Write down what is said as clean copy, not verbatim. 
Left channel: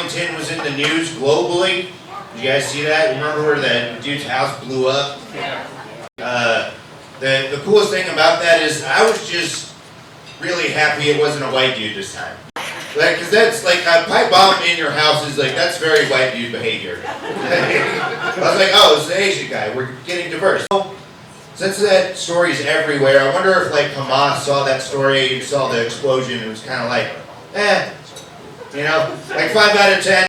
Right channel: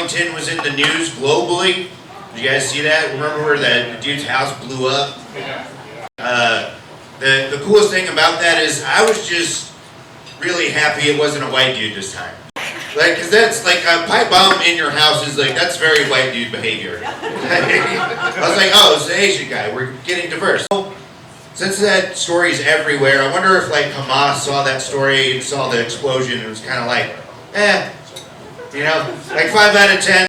Arlington was in the news globally. Did you guys see that? Remember where the dude's house blew up? The coolest thing about that is I was just really happy it wasn't a white dude this time. Like, cause that's like a pipe bomb in your house is like, that's very white dude behavior. I was like, oh, it's the Asian guy, we're getting diverse. Since that story is everywhere, I wonder if like Hamas saw that story and saw the explosion and was kind of like, you know, like 5 out of 10.